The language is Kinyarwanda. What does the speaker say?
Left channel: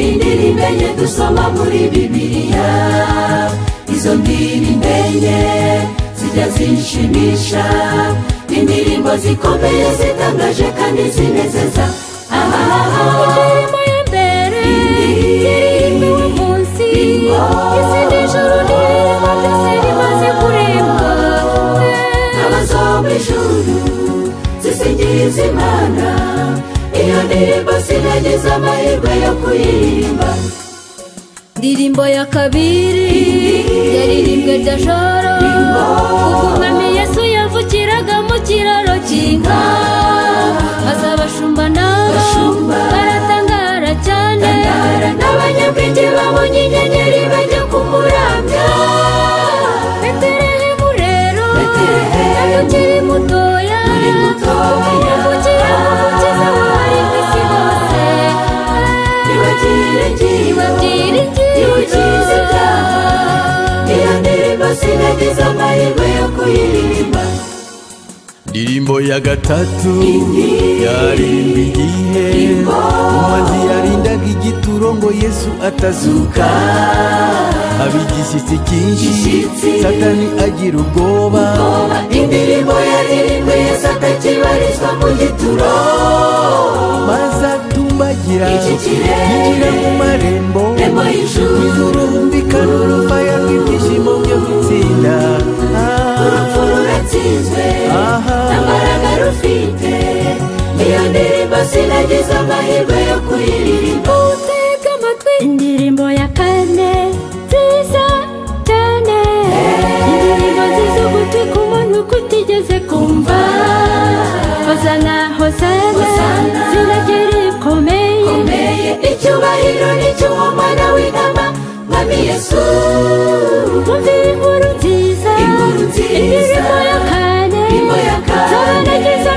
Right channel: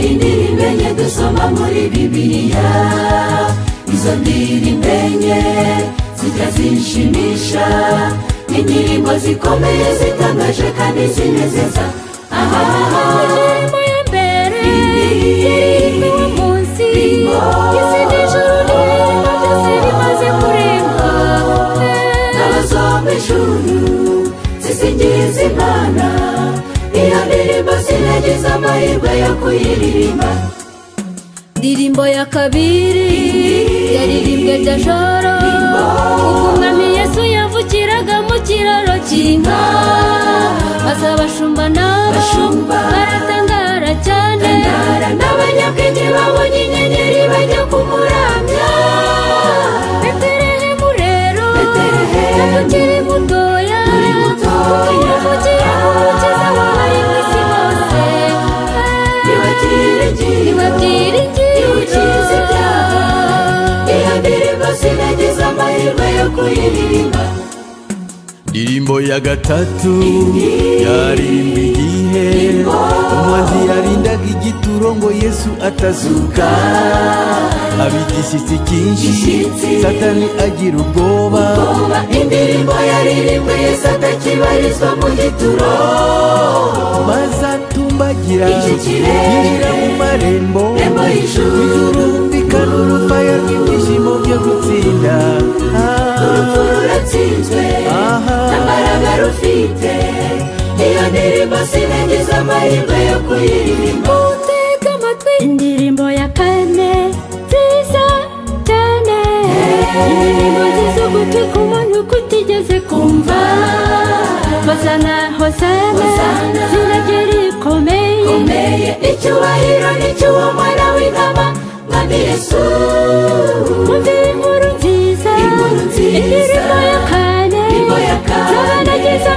indirimbo enye dusoma muri Bibiliya. Izo ndirimbo enye zijya zinshimisha, indirimbo zikomeye zitangaje kandi zinezeza. Indirimbo ya mbere yaririmbwe uwo munsi, isi n'ijuru n'ibirimo byose bimaze kuremwa. N'abazomba ijuru zisingiza Imana, iyo ndirimbo sinagize amahirwe yo kuyiririmba. Indirimbo ya kabiri yaririmbwe rya joro, ubwo umwami Yesu yavukiraga mu kiraro cy'inka, maze abashumba nabo baratangara cyane, n'abanyabwenge babonye inyenyeri bajya kumuramya. Betelehemu rero ntabwo ukiri mutoya, kuko wavukiye mu mukiza w'abari mu isi bose. Niwe byiringiro. Iyo ndirimbo sinagize amahirwe yo kuyiririmba. Indirimbo ya gatatu yaririmbwe igihe umwanzi yarindaga igituro ngo Yesu atazuka, abigishyitsi cyinshi Satani agira ubwoba. Indirimbo yaririmbwe Yesu atakibarizwa mu gituro, maze atumbagira yinjira mu marembo w'ijuru, humvikana urufaya rw'ibyishimo byo gutsinda. urupfu ruratsinzwe n'imbaraga rufite. Iyo ndirimbo sinagize amahirwe yo kuyiririmba. Utega amatwi indirimbo ya kane nziza cyane, indirimbo nziza ugutwi ku muntu kutigeze kumva. Hosana hosana ziragera ikomeye, icyubahiro ni cy'uwo mwana w'intama mwami Yesu. umva inkuru nziza, indirimbo ya kane z'abanagize